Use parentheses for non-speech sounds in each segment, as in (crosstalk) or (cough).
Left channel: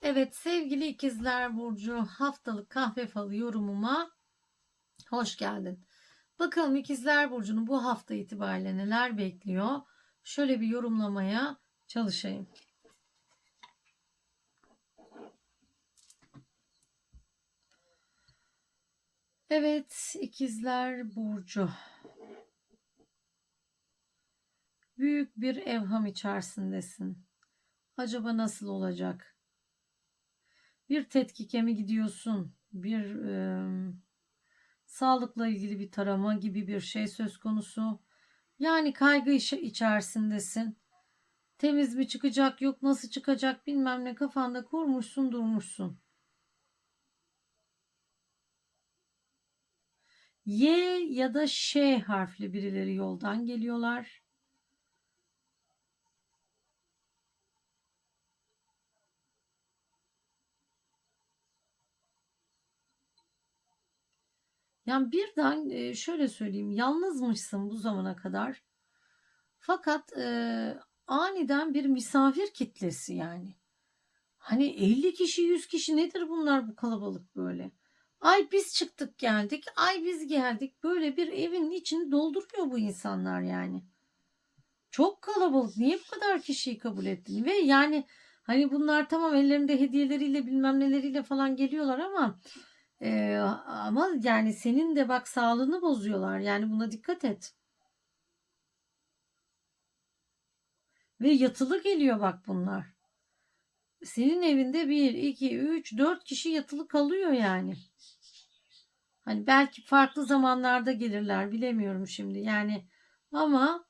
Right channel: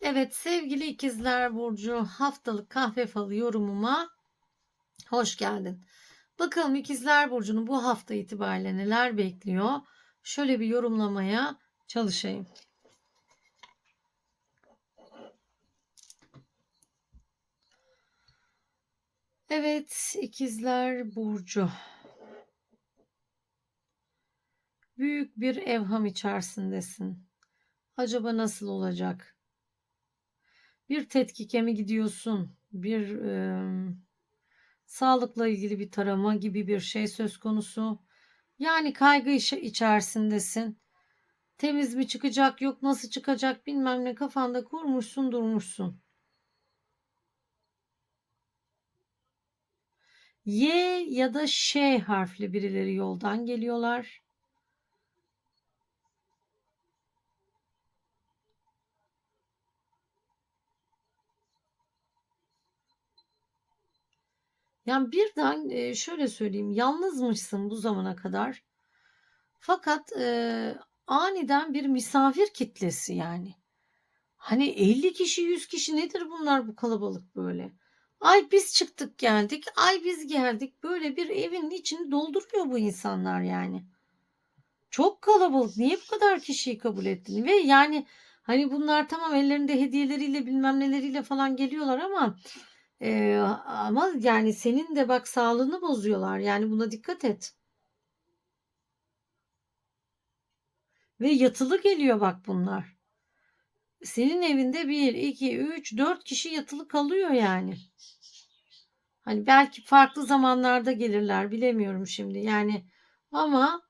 Evet sevgili ikizler Burcu haftalık kahve falı yorumuma hoş geldin. Bakalım ikizler Burcu'nu bu hafta itibariyle neler bekliyor? Şöyle bir yorumlamaya çalışayım. Evet ikizler Burcu. Büyük bir evham içerisindesin. Acaba nasıl olacak? Bir tetkike mi gidiyorsun? Bir e, sağlıkla ilgili bir tarama gibi bir şey söz konusu. Yani kaygı içerisindesin. Temiz mi çıkacak yok nasıl çıkacak bilmem ne kafanda kurmuşsun durmuşsun. Y ya da Ş harfli birileri yoldan geliyorlar. Yani birden e, şöyle söyleyeyim yalnızmışsın bu zamana kadar. Fakat e, aniden bir misafir kitlesi yani. Hani 50 kişi 100 kişi nedir bunlar bu kalabalık böyle? Ay biz çıktık geldik, ay biz geldik. Böyle bir evin içini dolduruyor bu insanlar yani. Çok kalabalık. Niye bu kadar kişiyi kabul ettin? Ve yani hani bunlar tamam ellerinde hediyeleriyle bilmem neleriyle falan geliyorlar ama ee, ama yani senin de bak sağlığını bozuyorlar. Yani buna dikkat et. Ve yatılı geliyor bak bunlar. Senin evinde 1, 2, 3, 4 kişi yatılı kalıyor yani. Hani belki farklı zamanlarda gelirler bilemiyorum şimdi. Yani ama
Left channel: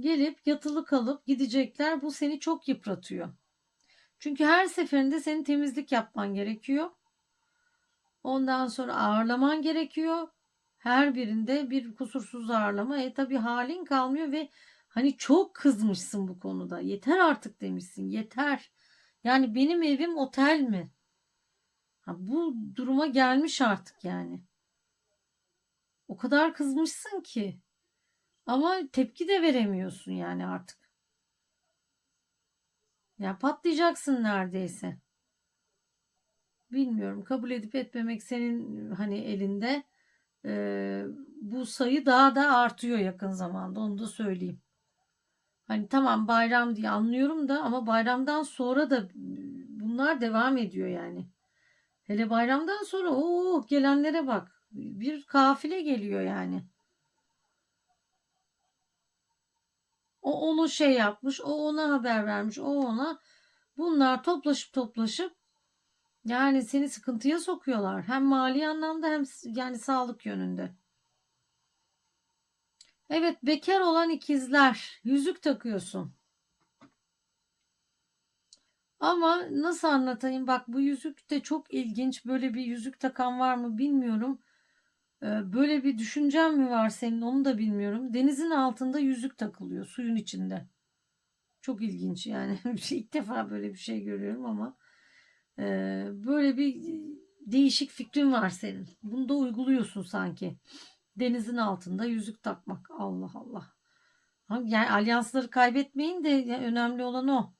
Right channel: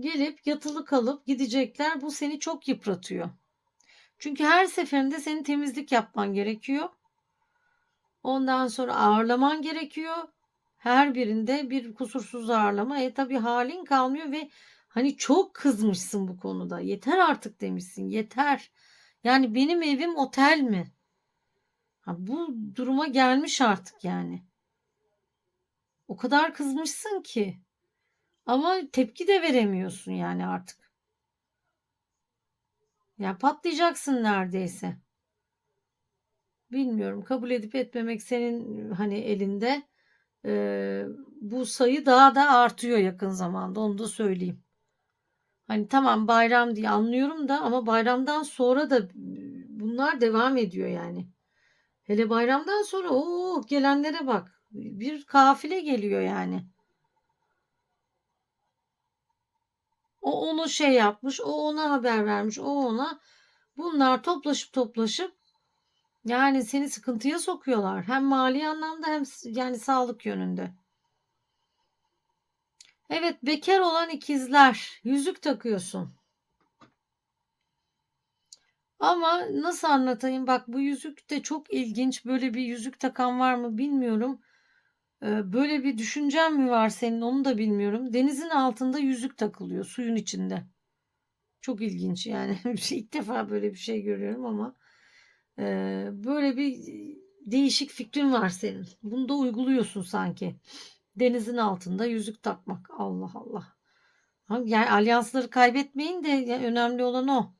gelip yatılı kalıp gidecekler. Bu seni çok yıpratıyor. Çünkü her seferinde senin temizlik yapman gerekiyor. Ondan sonra ağırlaman gerekiyor. Her birinde bir kusursuz ağırlama. E tabi halin kalmıyor ve hani çok kızmışsın bu konuda. Yeter artık demişsin. Yeter. Yani benim evim otel mi? Ha, bu duruma gelmiş artık yani. O kadar kızmışsın ki. Ama tepki de veremiyorsun yani artık. Ya patlayacaksın neredeyse. Bilmiyorum. Kabul edip etmemek senin hani elinde. Ee, bu sayı daha da artıyor yakın zamanda. Onu da söyleyeyim. Hani tamam bayram diye anlıyorum da ama bayramdan sonra da bunlar devam ediyor yani. Hele bayramdan sonra o gelenlere bak. Bir kafile geliyor yani. O onu şey yapmış, o ona haber vermiş, o ona. Bunlar toplaşıp toplaşıp yani seni sıkıntıya sokuyorlar. Hem mali anlamda hem yani sağlık yönünde. Evet bekar olan ikizler yüzük takıyorsun. Ama nasıl anlatayım bak bu yüzük de çok ilginç. Böyle bir yüzük takan var mı bilmiyorum. Ee, böyle bir düşüncen mi var senin onu da bilmiyorum. Denizin altında yüzük takılıyor suyun içinde. Çok ilginç yani. (laughs) İlk defa böyle bir şey görüyorum ama böyle bir değişik fikrin var senin. Bunu da uyguluyorsun sanki. Denizin altında yüzük takmak. Allah Allah. Yani alyansları kaybetmeyin de önemli olan o.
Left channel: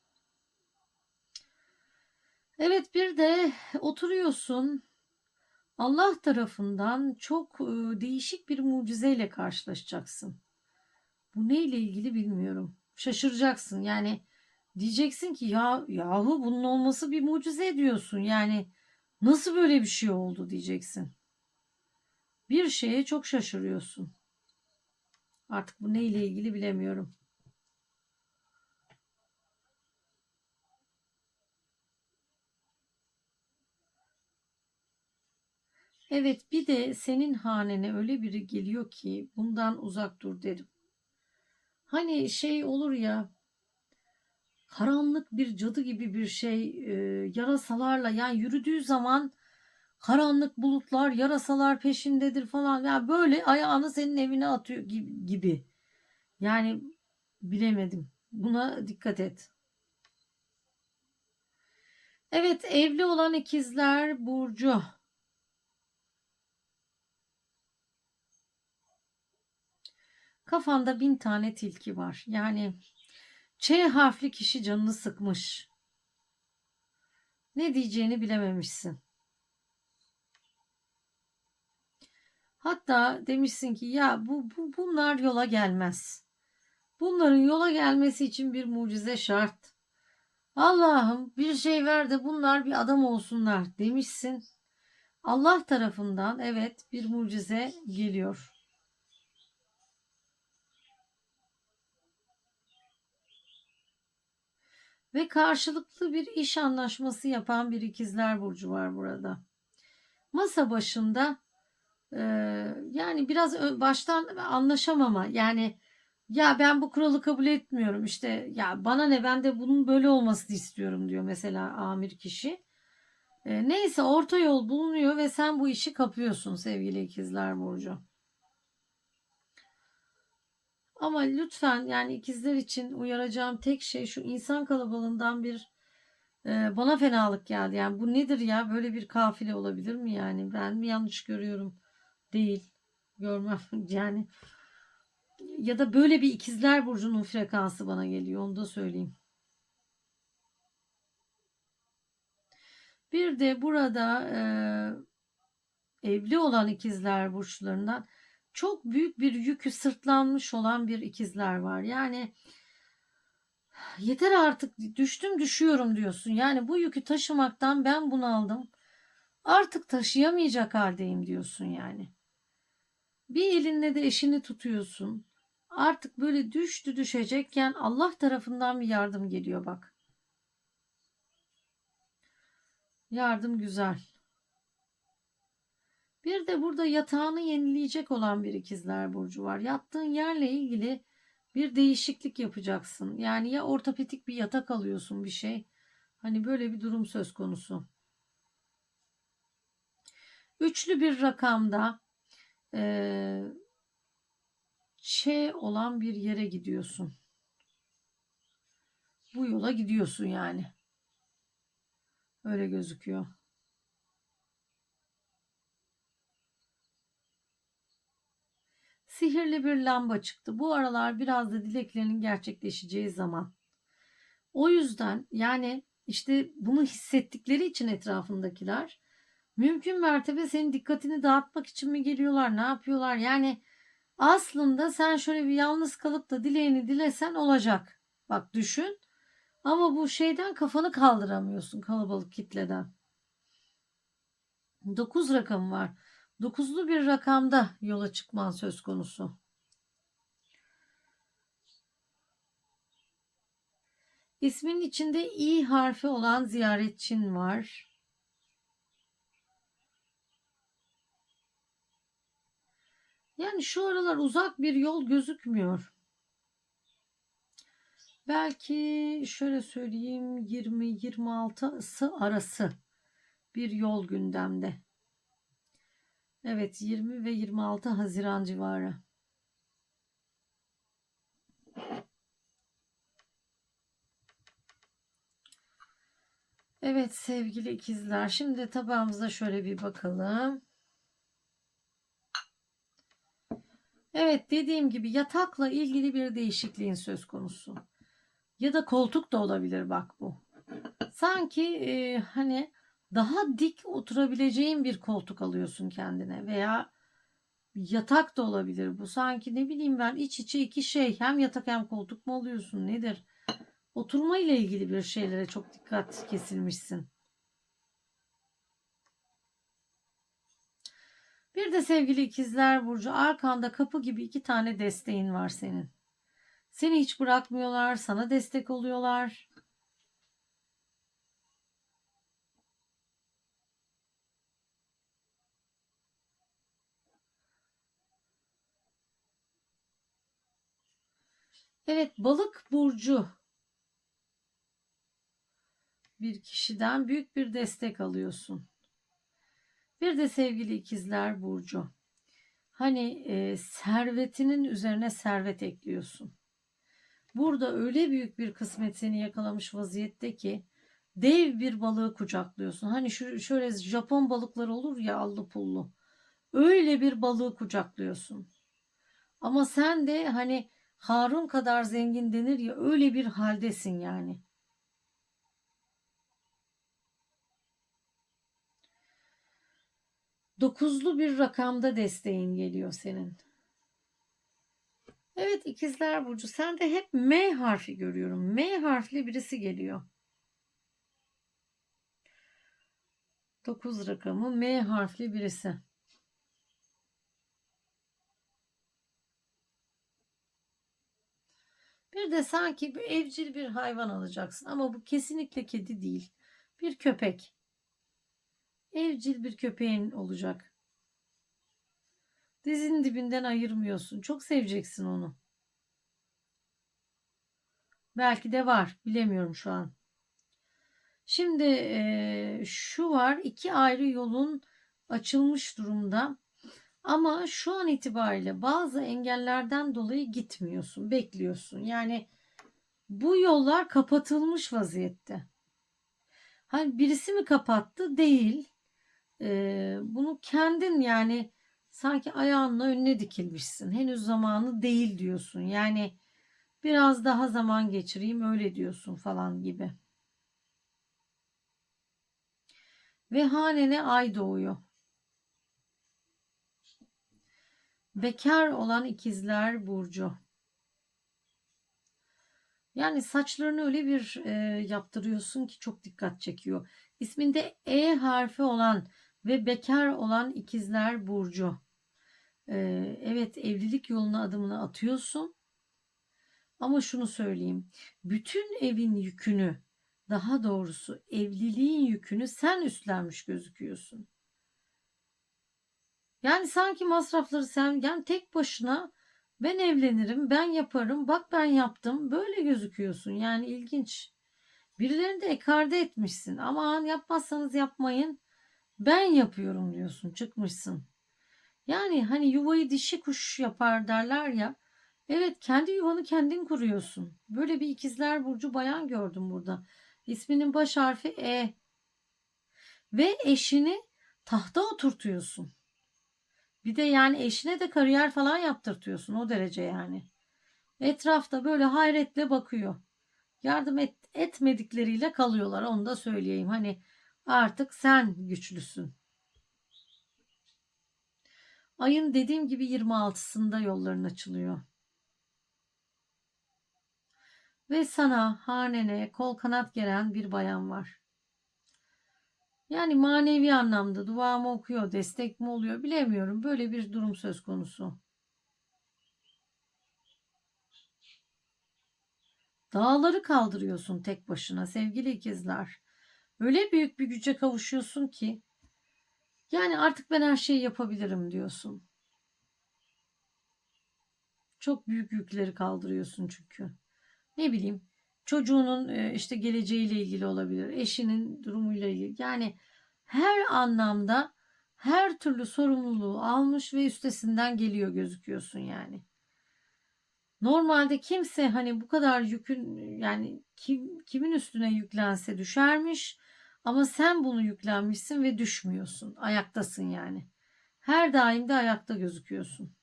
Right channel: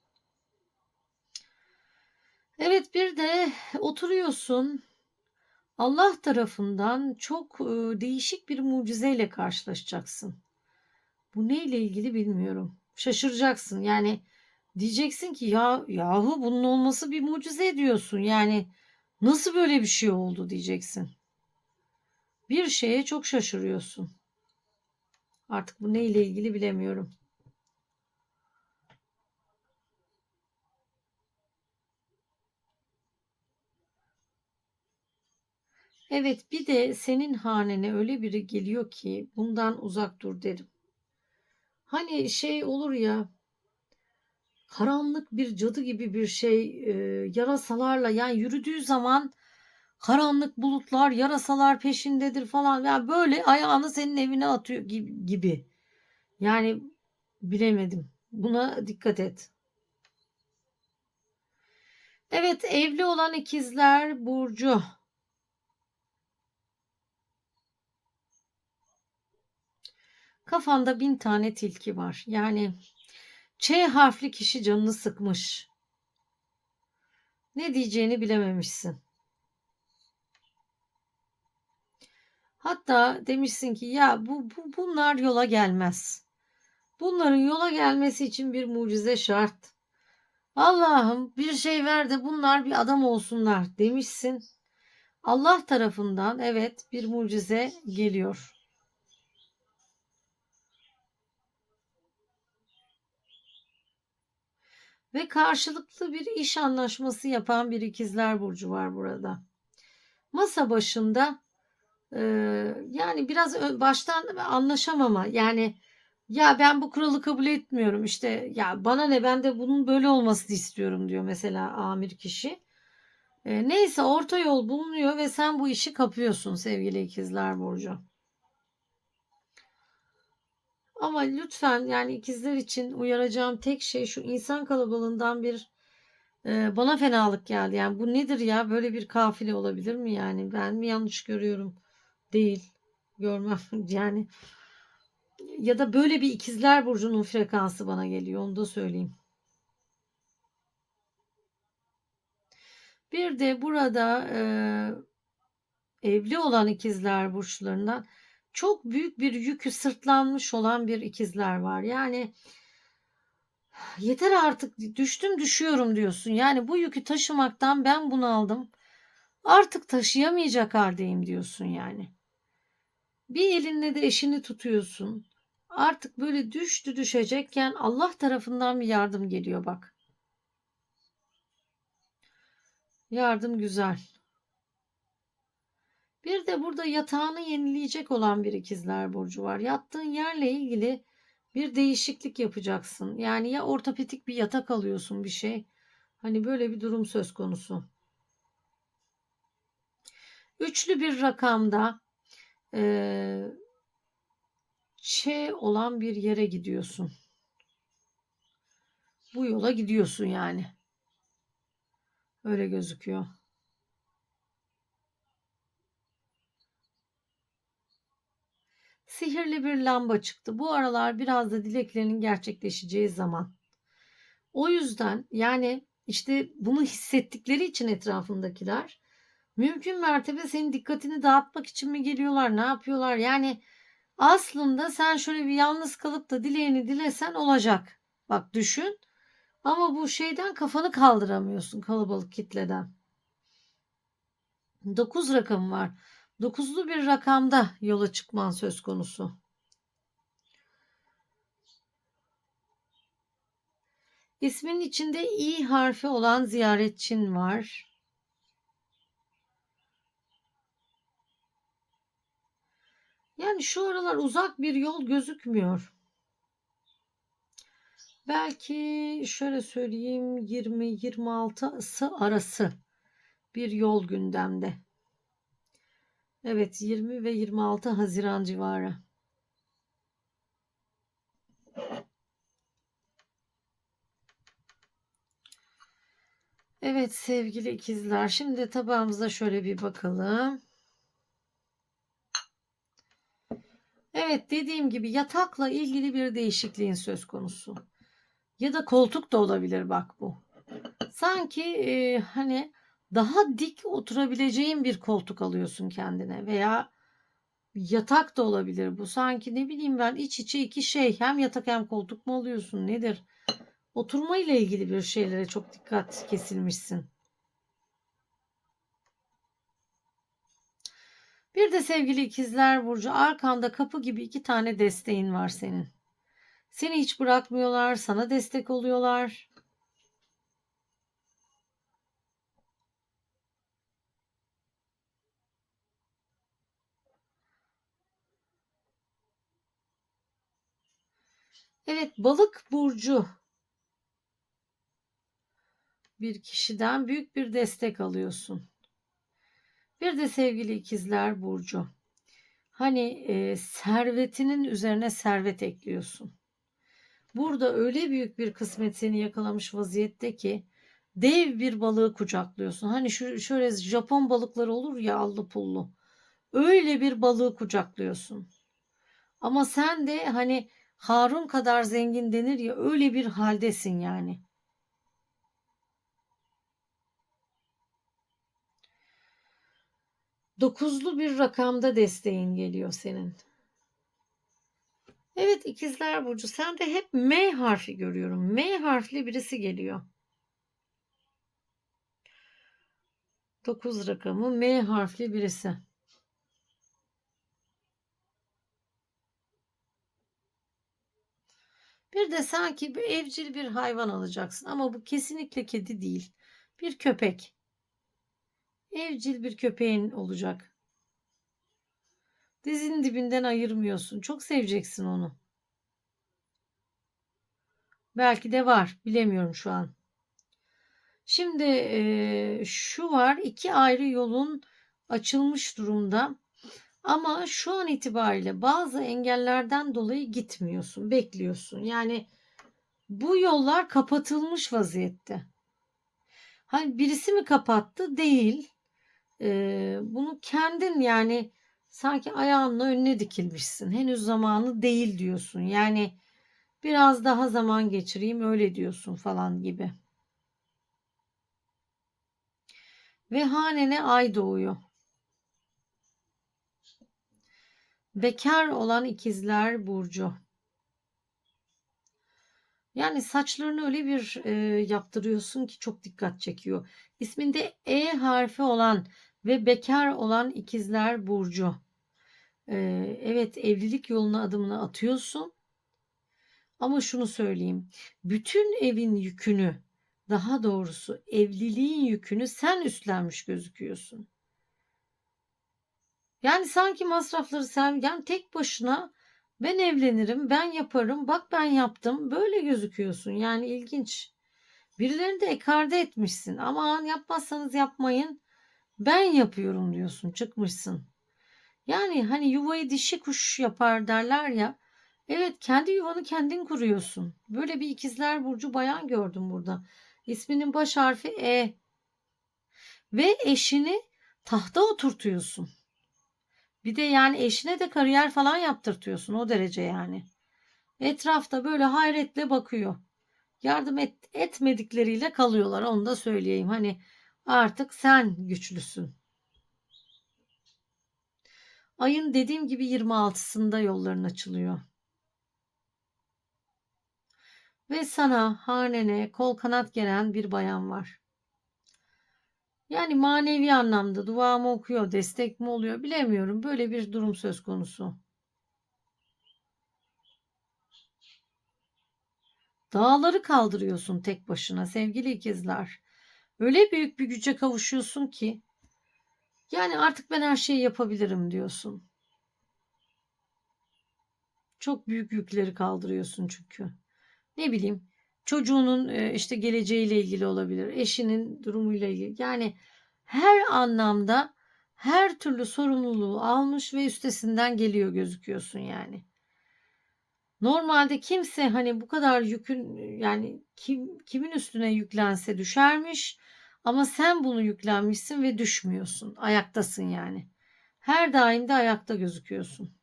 Evet bir de oturuyorsun. Allah tarafından çok değişik bir mucizeyle karşılaşacaksın. Bu neyle ilgili bilmiyorum. Şaşıracaksın. Yani Diyeceksin ki ya yahu bunun olması bir mucize diyorsun. Yani nasıl böyle bir şey oldu diyeceksin. Bir şeye çok şaşırıyorsun. Artık bu neyle ilgili bilemiyorum. Evet bir de senin hanene öyle biri geliyor ki bundan uzak dur derim. Hani şey olur ya karanlık bir cadı gibi bir şey e, yarasalarla yani yürüdüğü zaman karanlık bulutlar yarasalar peşindedir falan yani böyle ayağını senin evine atıyor gibi, yani bilemedim buna dikkat et. Evet evli olan ikizler Burcu. Kafanda bin tane tilki var. Yani Ç harfli kişi canını sıkmış. Ne diyeceğini bilememişsin. Hatta demişsin ki ya bu, bu bunlar yola gelmez. Bunların yola gelmesi için bir mucize şart. Allah'ım bir şey ver de bunlar bir adam olsunlar demişsin. Allah tarafından evet bir mucize geliyor. Ve karşılıklı bir iş anlaşması yapan bir ikizler burcu var burada. Masa başında e, yani biraz baştan anlaşamama yani ya ben bu kuralı kabul etmiyorum işte ya bana ne ben de bunun böyle olmasını istiyorum diyor mesela amir kişi. E, neyse orta yol bulunuyor ve sen bu işi kapıyorsun sevgili ikizler burcu. Ama lütfen yani ikizler için uyaracağım tek şey şu insan kalabalığından bir e, bana fenalık geldi. Yani bu nedir ya böyle bir kafile olabilir mi yani ben mi yanlış görüyorum? Değil görmem (laughs) yani ya da böyle bir ikizler burcunun frekansı bana geliyor onu da söyleyeyim. Bir de burada e, evli olan ikizler burçlarından çok büyük bir yükü sırtlanmış olan bir ikizler var. Yani yeter artık düştüm düşüyorum diyorsun. Yani bu yükü taşımaktan ben bunu aldım. Artık taşıyamayacak haldeyim diyorsun yani. Bir elinle de eşini tutuyorsun. Artık böyle düştü düşecekken Allah tarafından bir yardım geliyor bak. Yardım güzel. Bir de burada yatağını yenileyecek olan bir ikizler burcu var. Yattığın yerle ilgili bir değişiklik yapacaksın. Yani ya ortopedik bir yatak alıyorsun bir şey. Hani böyle bir durum söz konusu. Üçlü bir rakamda e, Ç olan bir yere gidiyorsun. Bu yola gidiyorsun yani. Öyle gözüküyor. Sihirli bir lamba çıktı. Bu aralar biraz da dileklerinin gerçekleşeceği zaman. O yüzden yani işte bunu hissettikleri için etrafındakiler mümkün mertebe senin dikkatini dağıtmak için mi geliyorlar, ne yapıyorlar? Yani aslında sen şöyle bir yalnız kalıp da dileğini dilesen olacak. Bak düşün. Ama bu şeyden kafanı kaldıramıyorsun kalabalık kitleden. 9 rakam var. Dokuzlu bir rakamda yola çıkman söz konusu. İsmin içinde i harfi olan ziyaretçin var. Yani şu aralar uzak bir yol gözükmüyor. Belki şöyle söyleyeyim 20-26'sı arası bir yol gündemde. Evet 20 ve 26 Haziran civarı. Evet sevgili ikizler şimdi tabağımıza şöyle bir bakalım. Evet dediğim gibi yatakla ilgili bir değişikliğin söz konusu. Ya da koltuk da olabilir bak bu. Sanki e, hani daha dik oturabileceğin bir koltuk alıyorsun kendine veya yatak da olabilir bu. Sanki ne bileyim ben iç içe iki şey hem yatak hem koltuk mu alıyorsun nedir? Oturma ile ilgili bir şeylere çok dikkat kesilmişsin. Bir de sevgili ikizler Burcu arkanda kapı gibi iki tane desteğin var senin. Seni hiç bırakmıyorlar, sana destek oluyorlar. Evet balık burcu bir kişiden büyük bir destek alıyorsun. Bir de sevgili ikizler burcu. Hani e, servetinin üzerine servet ekliyorsun. Burada öyle büyük bir kısmet seni yakalamış vaziyette ki dev bir balığı kucaklıyorsun. Hani şu şöyle Japon balıkları olur ya allı pullu. Öyle bir balığı kucaklıyorsun. Ama sen de hani Harun kadar zengin denir ya öyle bir haldesin yani. Dokuzlu bir rakamda desteğin geliyor senin. Evet ikizler Burcu sen de hep M harfi görüyorum. M harfli birisi geliyor. 9 rakamı M harfli birisi. De sanki bir evcil bir hayvan alacaksın ama bu kesinlikle kedi değil. Bir köpek. Evcil bir köpeğin olacak. Dizinin dibinden ayırmıyorsun. Çok seveceksin onu. Belki de var. Bilemiyorum şu an. Şimdi eee, şu var. iki ayrı yolun açılmış durumda. Ama şu an itibariyle bazı engellerden dolayı gitmiyorsun, bekliyorsun. Yani bu yollar kapatılmış vaziyette. Hani birisi mi kapattı? Değil. Ee, bunu kendin yani sanki ayağınla önüne dikilmişsin. Henüz zamanı değil diyorsun. Yani biraz daha zaman geçireyim öyle diyorsun falan gibi. Ve hanene ay doğuyor. Bekar olan ikizler burcu. Yani saçlarını öyle bir e, yaptırıyorsun ki çok dikkat çekiyor. İsminde E harfi olan ve bekar olan ikizler burcu. E, evet evlilik yoluna adımını atıyorsun. Ama şunu söyleyeyim. Bütün evin yükünü, daha doğrusu evliliğin yükünü sen üstlenmiş gözüküyorsun. Yani sanki masrafları sen yani tek başına ben evlenirim, ben yaparım, bak ben yaptım. Böyle gözüküyorsun. Yani ilginç. Birilerini de ekarte etmişsin. Aman yapmazsanız yapmayın. Ben yapıyorum diyorsun. Çıkmışsın. Yani hani yuvayı dişi kuş yapar derler ya. Evet kendi yuvanı kendin kuruyorsun. Böyle bir ikizler burcu bayan gördüm burada. İsminin baş harfi E. Ve eşini tahta oturtuyorsun. Bir de yani eşine de kariyer falan yaptırtıyorsun o derece yani. Etrafta böyle hayretle bakıyor. Yardım et, etmedikleriyle kalıyorlar onu da söyleyeyim. Hani artık sen güçlüsün. Ayın dediğim gibi 26'sında yolların açılıyor. Ve sana hanene kol kanat gelen bir bayan var. Yani manevi anlamda dua mı okuyor, destek mi oluyor bilemiyorum. Böyle bir durum söz konusu. Dağları kaldırıyorsun tek başına sevgili ikizler. Öyle büyük bir güce kavuşuyorsun ki yani artık ben her şeyi yapabilirim diyorsun. Çok büyük yükleri kaldırıyorsun çünkü. Ne bileyim çocuğunun e, işte geleceğiyle ilgili olabilir, eşinin durumuyla ilgili. Yani her anlamda her türlü sorumluluğu almış ve üstesinden geliyor gözüküyorsun yani. Normalde kimse hani bu kadar yükün yani kim kimin üstüne yüklense düşermiş ama sen bunu yüklenmişsin ve düşmüyorsun. Ayaktasın yani. Her daim de ayakta gözüküyorsun.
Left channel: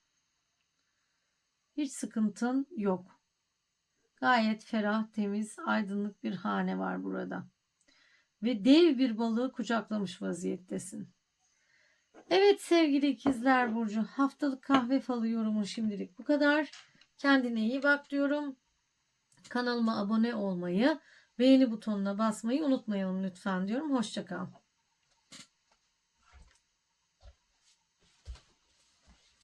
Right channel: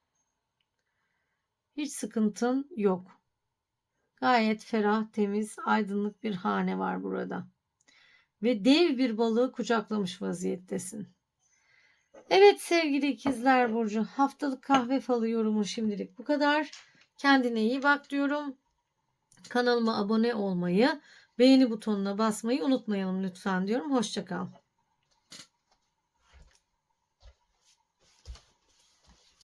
Hiç sıkıntın yok. Gayet ferah, temiz, aydınlık bir hane var burada. Ve dev bir balığı kucaklamış vaziyettesin. Evet sevgili ikizler Burcu haftalık kahve falı yorumu şimdilik bu kadar. Kendine iyi bak diyorum. Kanalıma abone olmayı, beğeni butonuna basmayı unutmayalım lütfen diyorum. Hoşçakal.